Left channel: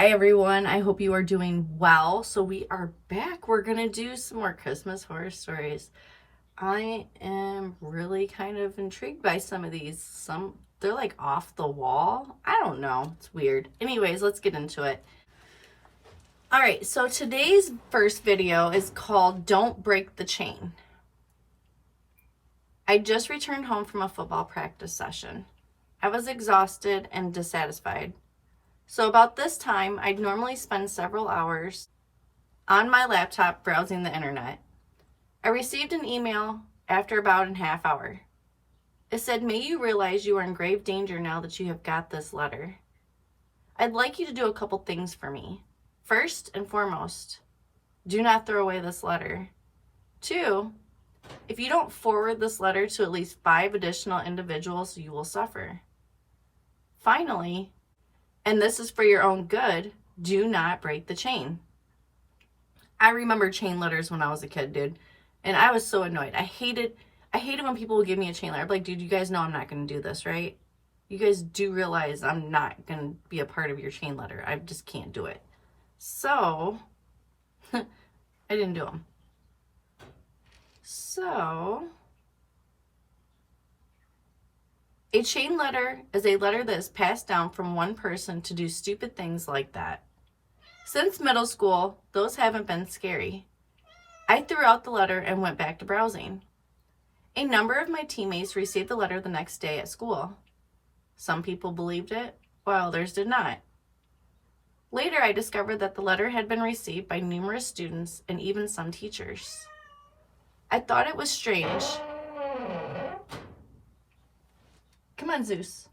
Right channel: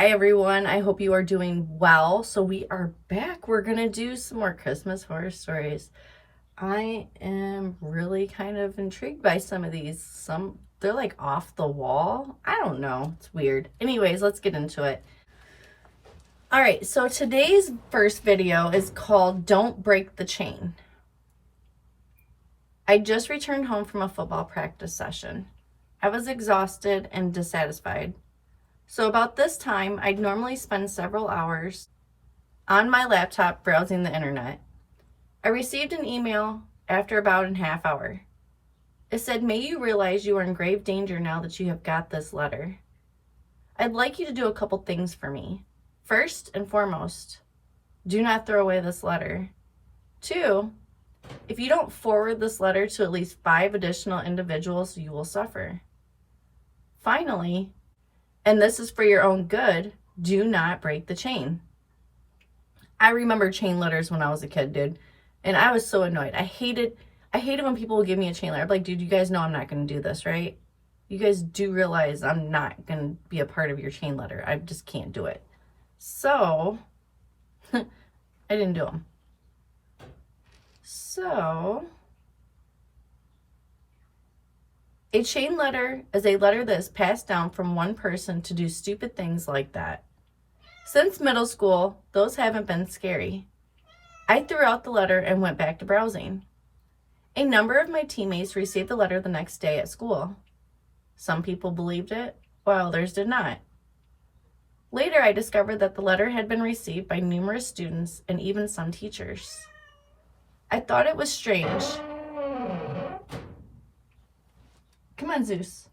Hi everyone, I hope you are doing well. So we are back. We're gonna do some more Christmas horror stories. I am really kind of intrigued by some of these. They're like off the wall. I don't know. It's weird. Anyways, let's get into it. All right, so today's first video is called Don't Break the Chain. I just returned home from a football practice session. I was exhausted and dissatisfied. So about this time, I'd normally spend several hours on my laptop browsing the internet. I received an email after about a half hour. It said, "May you realize you are in grave danger now that you have got this letter. I'd like you to do a couple things for me. First and foremost, do not throw away this letter. 2, if you don't forward this letter to at least 5 additional individuals, you will suffer. Finally, and this is for your own good, do not break the chain." I remember chain letters when I was a kid, dude. And I was so annoyed. I hated when people would give me a chain letter. I'm like, dude, you guys know I'm not going to do this, right? You guys do realize I'm not going to be a part of your chain letter. I just can't do it. So, I didn't do them. So, a chain letter is a letter that is passed down from one person to do stupid things like that. Since middle school, those haven't been scary. I threw out the letter and went back to browsing. A number of my teammates received the letter the next day at school. Some people believed it, while others did not. Later, I discovered that the letter had been received by numerous students and even some teachers. I thought it was strange. Come on, Zeus.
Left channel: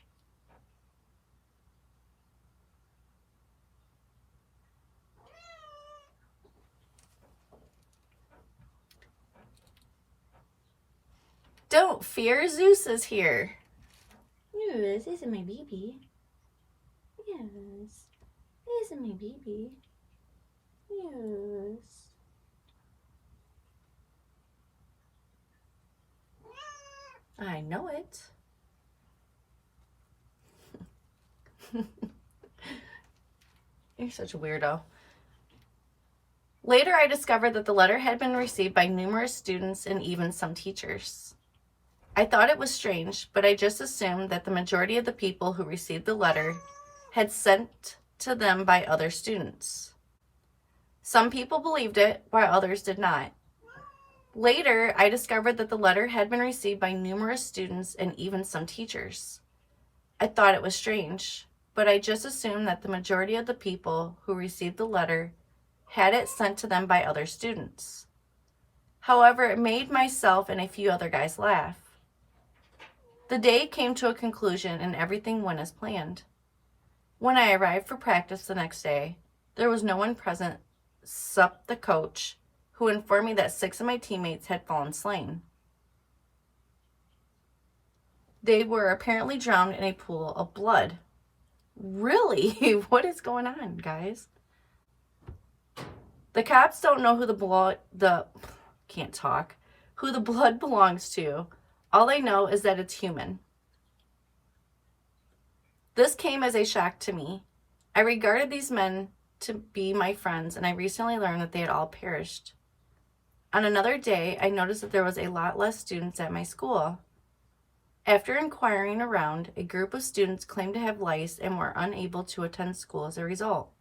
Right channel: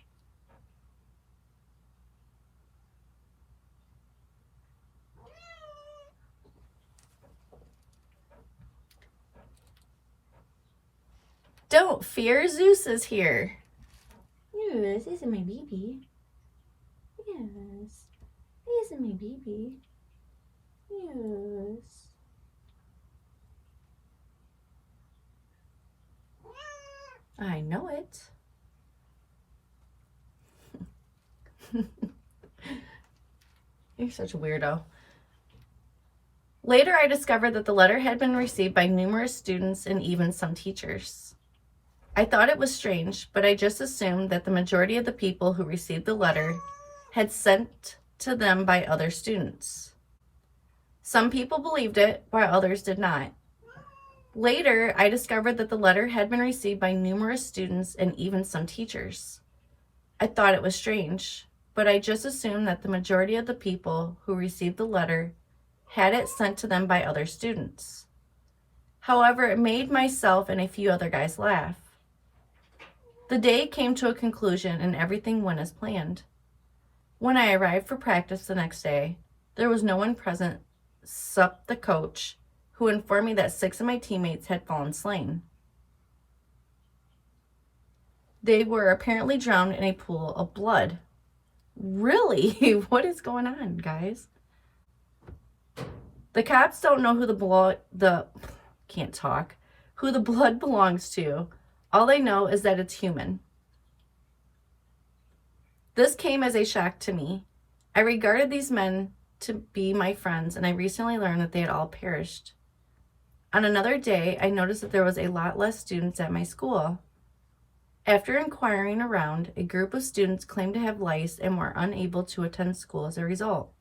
Don't fear, Zeus is here. Yes, this is my baby. Yes, this is my baby. Yes. I know it. You're such a weirdo. Later, I discovered that the letter had been received by numerous students and even some teachers. I thought it was strange, but I just assumed that the majority of the people who received the letter had sent to them by other students. Some people believed it, while others did not. Later, I discovered that the letter had been received by numerous students and even some teachers. I thought it was strange, but I just assumed that the majority of the people who received the letter had it sent to them by other students. However, it made myself and a few other guys laugh. The day came to a conclusion and everything went as planned. When I arrived for practice the next day, there was no one present except the coach, who informed me that 6 of my teammates had fallen slain. They were apparently drowned in a pool of blood. Really? What is going on, guys? The cops don't know who the blood belongs to. All they know is that it's human. This came as a shock to me. I regarded these men to be my friends, and I recently learned that they had all perished. On another day, I noticed that there was a lot less students at my school. After inquiring around, a group of students claimed to have lice and were unable to attend school as a result.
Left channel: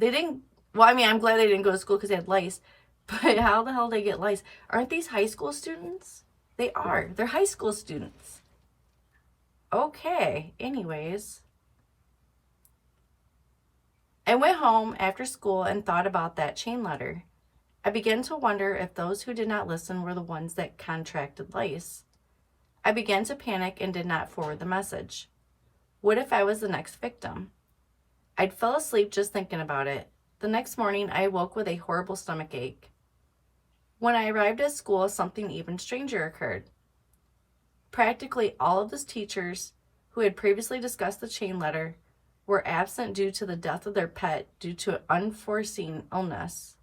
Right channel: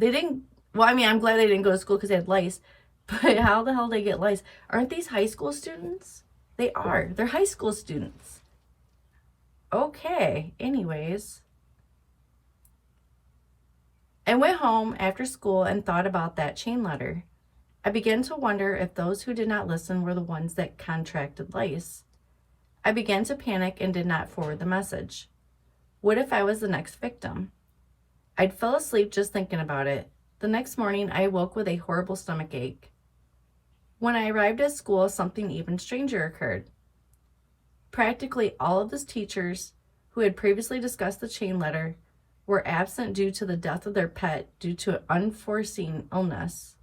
I'm glad they didn't go to school because they had lice, but how the hell did they get lice? Aren't these high school students? They are. They're high school students. Okay, anyways. I went home after school and thought about that chain letter. I began to wonder if those who did not listen were the ones that contracted lice. I began to panic and did not forward the message. What if I was the next victim? I'd fell asleep just thinking about it. The next morning, I awoke with a horrible stomach ache. When I arrived at school, something even stranger occurred. Practically all of the teachers who had previously discussed the chain letter were absent due to the death of their pet due to unforeseen illness.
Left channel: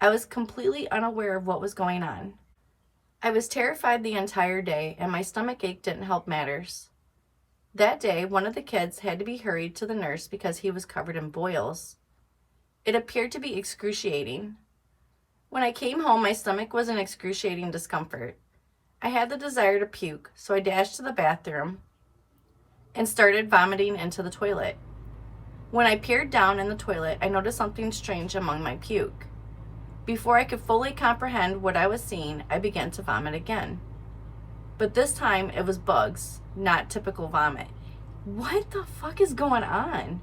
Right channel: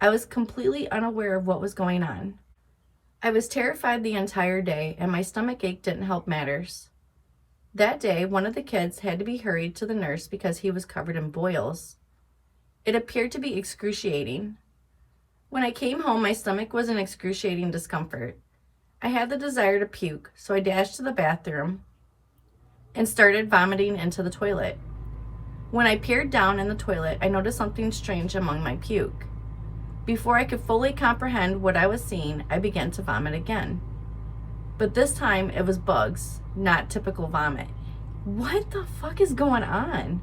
I was completely unaware of what was going on. I was terrified the entire day, and my stomach ache didn't help matters. That day, one of the kids had to be hurried to the nurse because he was covered in boils. It appeared to be excruciating. When I came home, my stomach was in excruciating discomfort. I had the desire to puke, so I dashed to the bathroom and started vomiting into the toilet. When I peered down in the toilet, I noticed something strange among my puke. Before I could fully comprehend what I was seeing, I began to vomit again. But this time, it was bugs, not typical vomit. What the fuck is going on?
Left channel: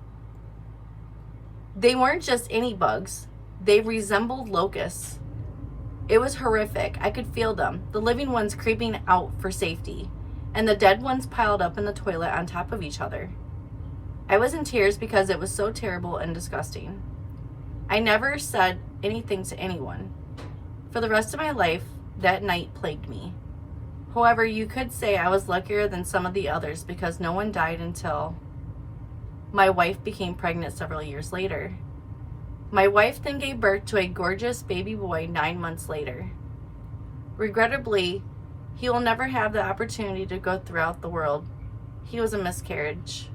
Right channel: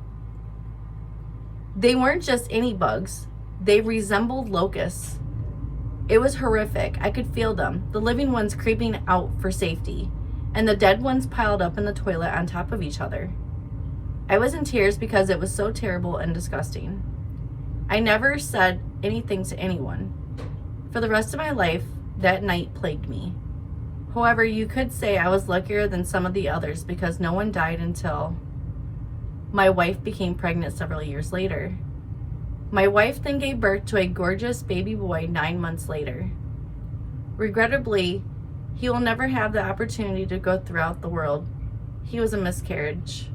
They weren't just any bugs. They resembled locusts. It was horrific. I could feel them, the living ones creeping out for safety, and the dead ones piled up in the toilet on top of each other. I was in tears because it was so terrible and disgusting. I never said anything to anyone. For the rest of my life, that night plagued me. However, you could say I was luckier than some of the others because no one died until my wife became pregnant several years later. My wife then gave birth to a gorgeous baby boy 9 months later. Regrettably, he will never have the opportunity to go throughout the world. He was a miscarriage.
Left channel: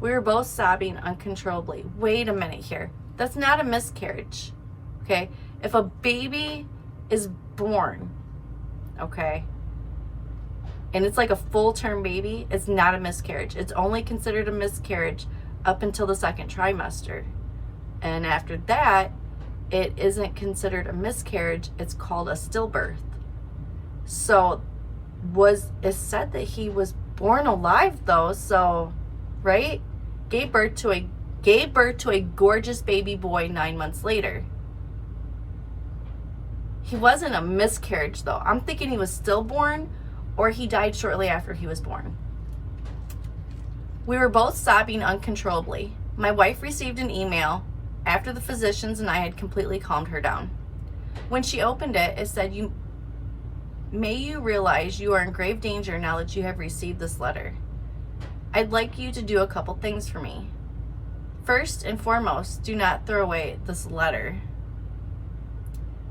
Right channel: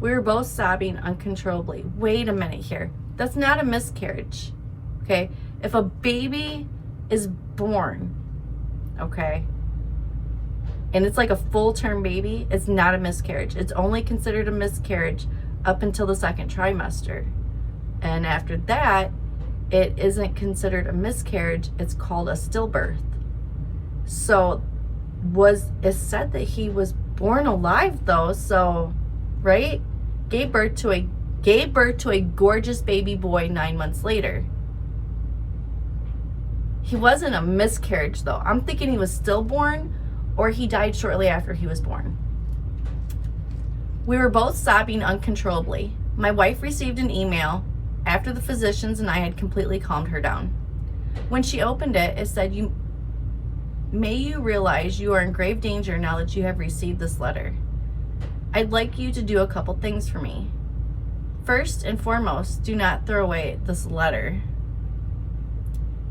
We were both sobbing uncontrollably. Wait a minute here. That's not a miscarriage, okay? If a baby is born, okay, and it's like a full-term baby, it's not a miscarriage. It's only considered a miscarriage up until the second trimester. And after that, it isn't considered a miscarriage. It's called a stillbirth. So it's said that he was born alive though, so, right? Gave birth to a gorgeous baby boy 9 months later. He wasn't a miscarriage though. I'm thinking he was stillborn or he died shortly after he was born. We were both sobbing uncontrollably. My wife received an email after the physicians and I had completely calmed her down. When she opened it, it said, May you realize you are in grave danger now that you have received this letter. I'd like you to do a couple things for me. First and foremost, do not throw away this letter.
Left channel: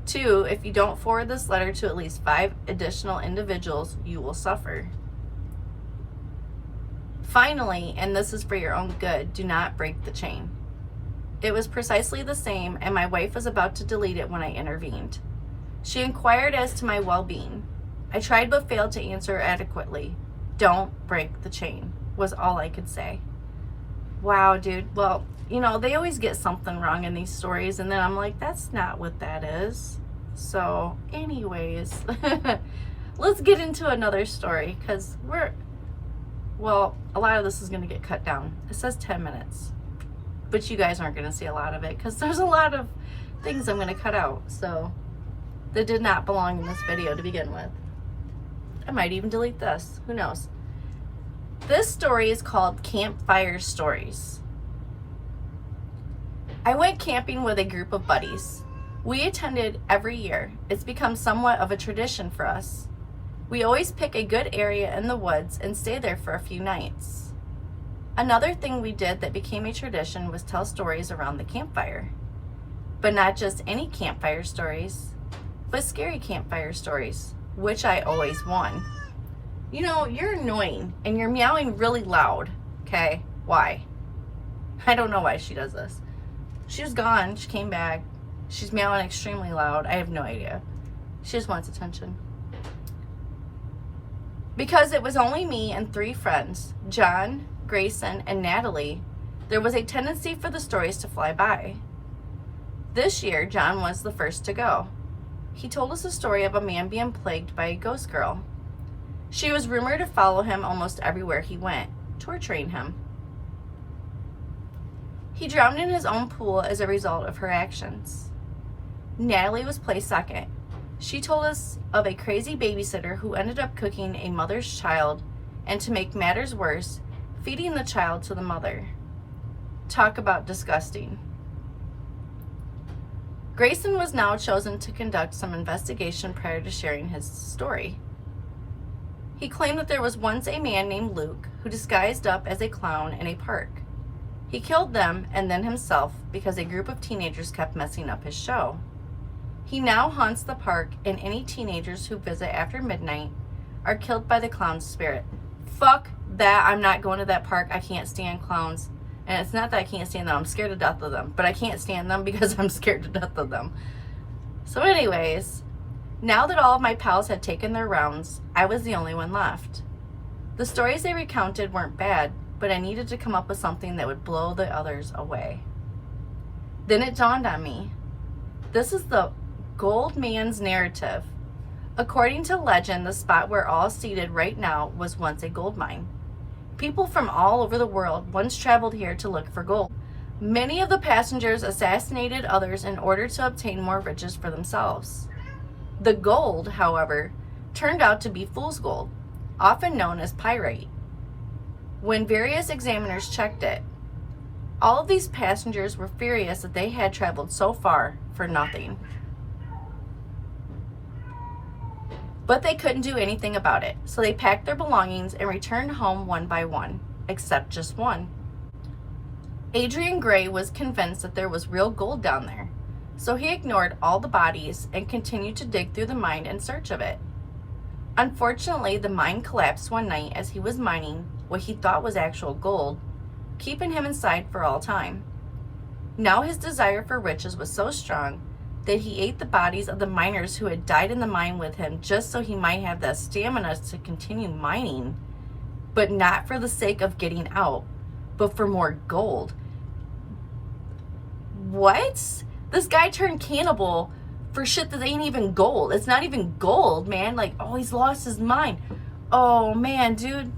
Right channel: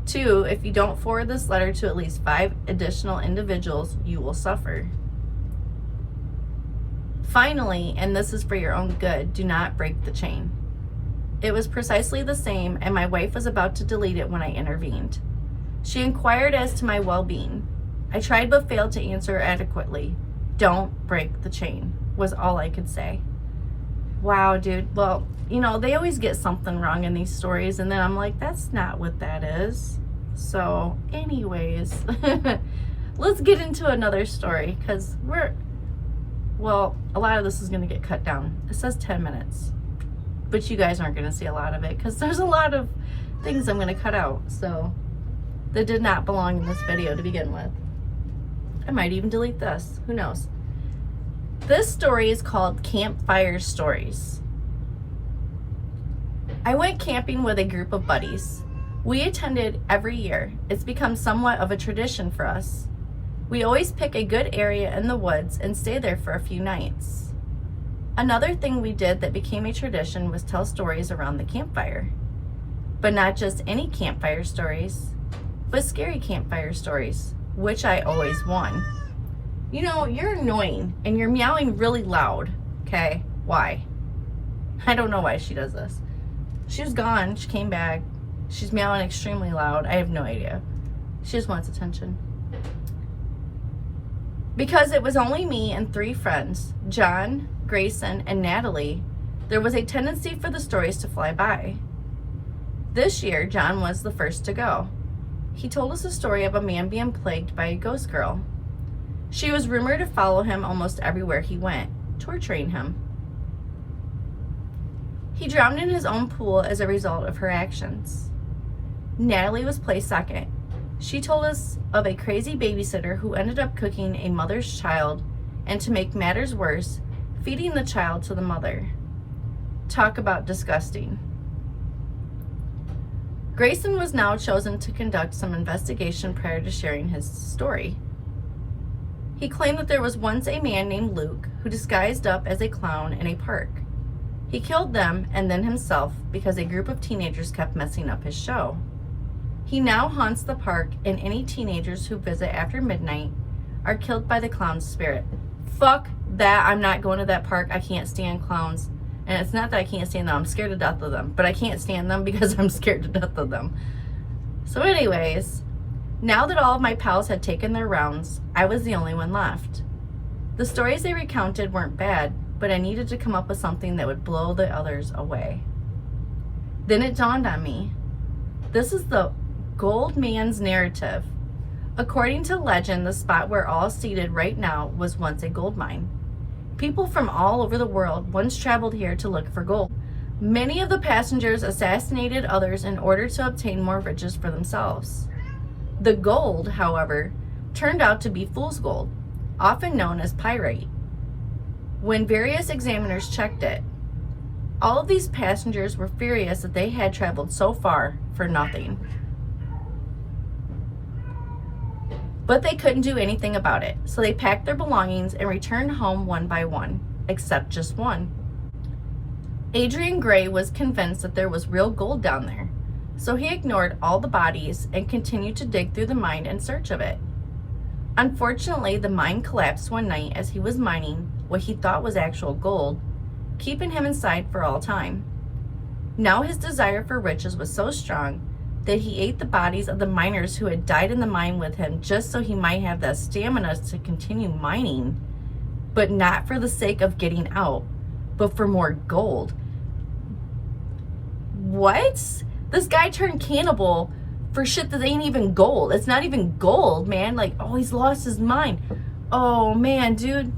2, if you don't forward this letter to at least 5 additional individuals, you will suffer. Finally, and this is for your own good, do not break the chain. It was precisely the same, and my wife was about to delete it when I intervened. She inquired as to my well-being. I tried but failed to answer adequately. Don't break the chain, was all I could say. Wow, dude. Well, you know, they always get something wrong in these stories, and then I'm like, that's not what that is. So, anyways, let's get into another story, because a lot of this is going to get cut down. It says 10 minutes, but you guys aren't going to see a lot of it, because there's a lot of things I'm going to cut out, so that did not belong in this video to begin with. I might even delete this. Who knows? This story is called Campfire Stories. I went camping with a group of buddies. We attended every year. It's become somewhat of a tradition for us. We always pick a good area in the woods and stay there for a few nights. Another thing we did that became a tradition was tell stories around the campfire. But not just any campfire stories, but scary campfire stories, which I always won. You know, you're annoying and you're meowing really loud, okay? Why? I don't know why she does this. She was gone, she came back. She's meowing extremely loud. I have no idea. She just wants attention. Because it was only me and 3 friends, John, Grayson, and Natalie, there was a tendency for the stories to fly by. This year, John was the first to go. He told us a story of a man being plagued by a ghost girl. She was rumored to follow him almost everywhere he went, torturing him. He drowned in his own pool as a result of her actions. Natalie was placed second. She told us of a crazy babysitter who ended up cooking a mother's child, and to make matters worse, feeding the child to the mother. Talk about disgusting. Grayson was now chosen to conduct some investigation prior to sharing his story. He claimed that there was once a man named Luke who disguised up as a clown in a park. He killed them and then himself because a group of teenagers kept messing up his show. He now haunts the park, and any teenagers who visit after midnight are killed by the clown's spirit. Fuck that I'm not going to that park. I can't stand clowns. And it's not that I can't stand them. I'm scared to death of them. But I can't stand them because I'm scared to death of them. So anyways, now that all of my pals had taken their rounds, I was the only one left. The stories they recounted weren't bad, but I needed to come up with something that would blow the others away. Then it dawned on me. This is the Gold Man's narrative. According to legend, the spot we're all seated right now was once a gold mine. People from all over the world once traveled here to look for gold. Many of the passengers assassinated others in order to obtain more riches for themselves. The gold, however, turned out to be fool's gold, often known as pyrite. When various examiners checked it, all of these passengers were furious that they had traveled so far for nothing. But they couldn't do anything about it, so they packed their belongings and returned home one by one, except just one. Adrian Gray was convinced that there was real gold down there, so he ignored all the bodies and continued to dig through the mine in search of it. Unfortunately, the mine collapsed one night as he was mining what he thought was actual gold, keeping him inside for all time. Now his desire for riches was so strong that he ate the bodies of the miners who had died in the mine with him just so he might have the stamina to continue mining, but not for the sake of getting out, but for more gold. What? This guy turned cannibal for shit that ain't even gold. It's not even gold, man. Like, oh, he's lost his mind. Oh, man, dude.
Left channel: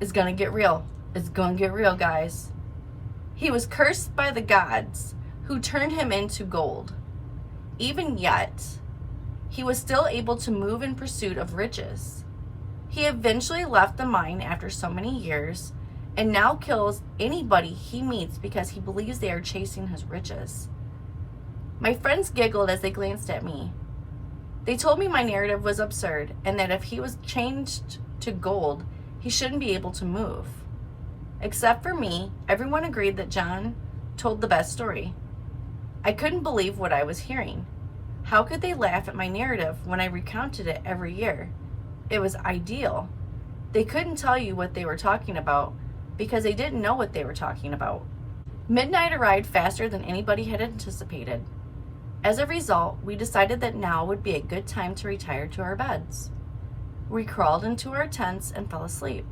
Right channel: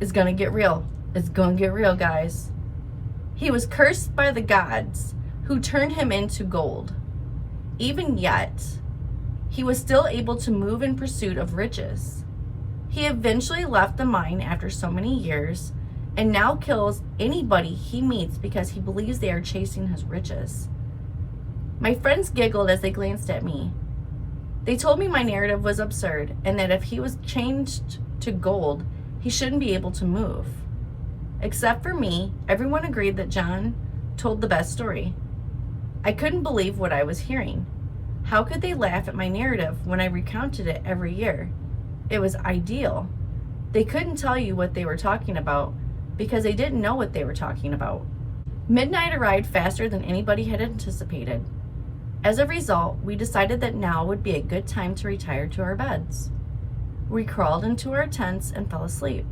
It's gonna get real. It's gonna get real, guys. He was cursed by the gods who turned him into gold. Even yet, he was still able to move in pursuit of riches. He eventually left the mine after so many years and now kills anybody he meets because he believes they are chasing his riches. My friends giggled as they glanced at me. They told me my narrative was absurd and that if he was changed to gold, he shouldn't be able to move. Except for me, everyone agreed that John told the best story. I couldn't believe what I was hearing. How could they laugh at my narrative when I recounted it every year? It was ideal. They couldn't tell you what they were talking about because they didn't know what they were talking about. Midnight arrived faster than anybody had anticipated. As a result, we decided that now would be a good time to retire to our beds. We crawled into our tents and fell asleep.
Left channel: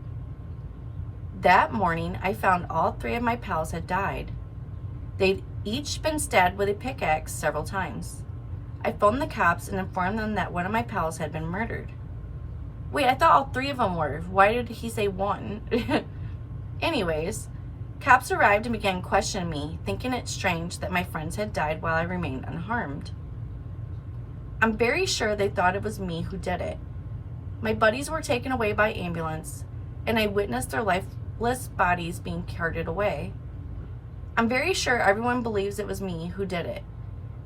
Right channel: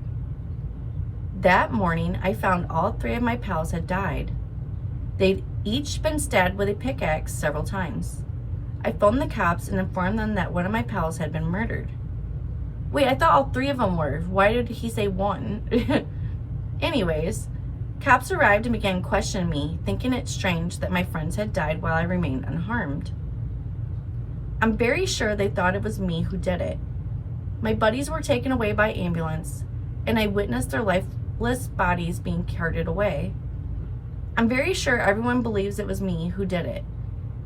That morning, I found all 3 of my pals had died. They'd each been stabbed with a pickaxe several times. I phoned the cops and informed them that one of my pals had been murdered. Wait, I thought all 3 of them were. Why did he say 1? Anyways, cops arrived and began questioning me, thinking it strange that my friends had died while I remained unharmed. I'm very sure they thought it was me who did it. My buddies were taken away by ambulance, and I witnessed their lifeless bodies being carted away. I'm very sure everyone believes it was me who did it.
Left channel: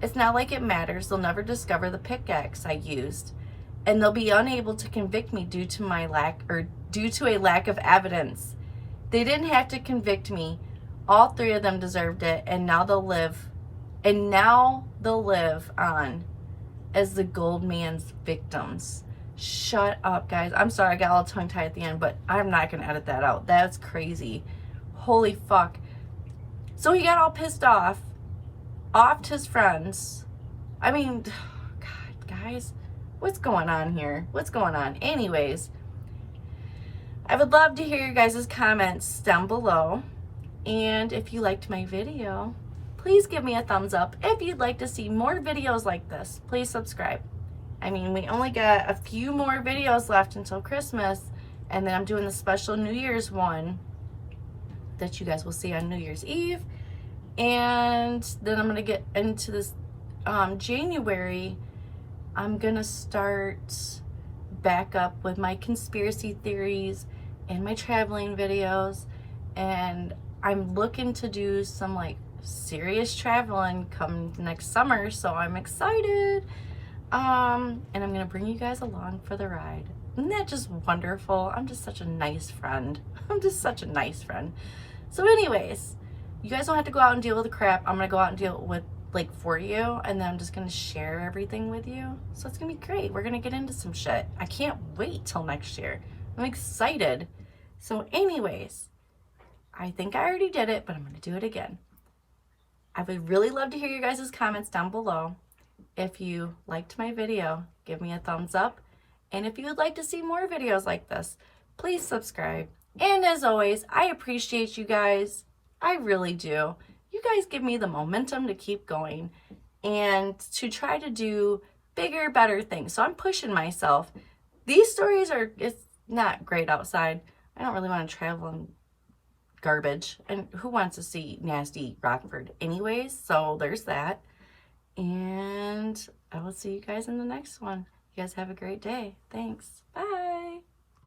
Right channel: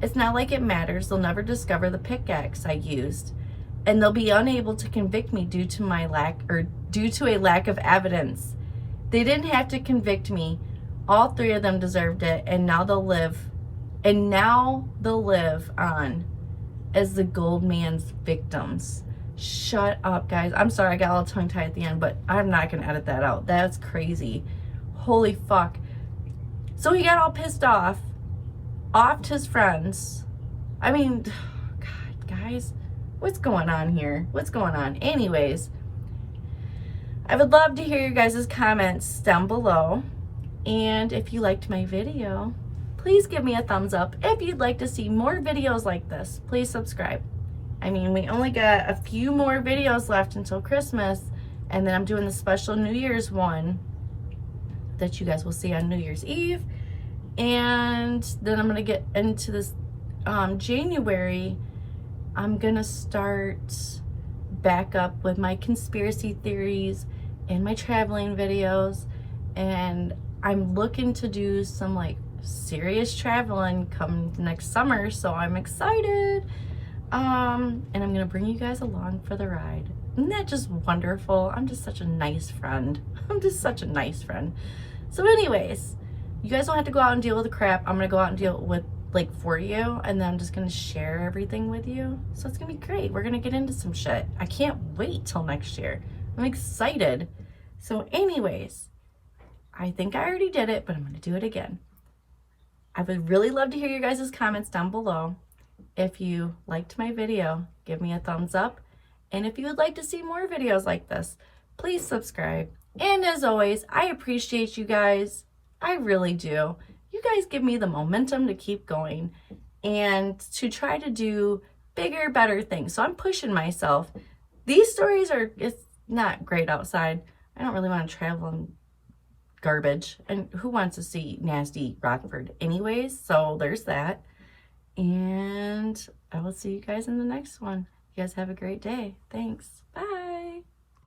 It's not like it matters. They'll never discover the pickaxe I used, and they'll be unable to convict me due to a lack of evidence. They didn't have to convict me. All 3 of them deserved it, and now they'll live on as the Gold Man's victims. Shut up, guys. I'm sorry I got all tongue-tied at the end, but I'm not gonna edit that out. That's crazy. Holy fuck. So he got all pissed off, offed his friends. I mean, God, guys, what's going on here? What's going on? Anyways, I would love to hear your guys' comments down below. And if you liked my video, please give me a thumbs up. If you'd like to see more videos like this, please subscribe. I mean, we only got a few more videos left until Christmas, and then I'm doing the special New Year's one that you guys will see on New Year's Eve. And then I'm gonna get into this January. I'm gonna start back up with my conspiracy theories and my traveling videos, and I'm looking to do some like serious traveling come next summer, so I'm excited. And I'm gonna bring you guys along for the ride. Isn't that just wonderful? I'm just such a nice friend. I'm just such a nice friend. So anyways, you guys don't have to go out and deal with the crap. I'm gonna go out and deal with like for you, and then I'm just gonna share everything with you. So it's gonna be great. We're gonna get into some shit. I can't wait till next year. I'm excited. So anyways, I think I already did it, but I'm going to do it again. I would really love to hear your guys' comments down below. If you liked my video, give me a thumbs up. And if you would like to see more videos like this, please subscribe. And as always, I appreciate you guys. I really do. You guys give me the momentum to keep going and to try to do bigger, better things. So I'm pushing myself. These stories it's not great outside. I don't really want to travel in garbage. And who wants to see nasty Rockford anyways? So there's that. And I will see you guys in the next one. You guys have a great day. Thanks. Bye.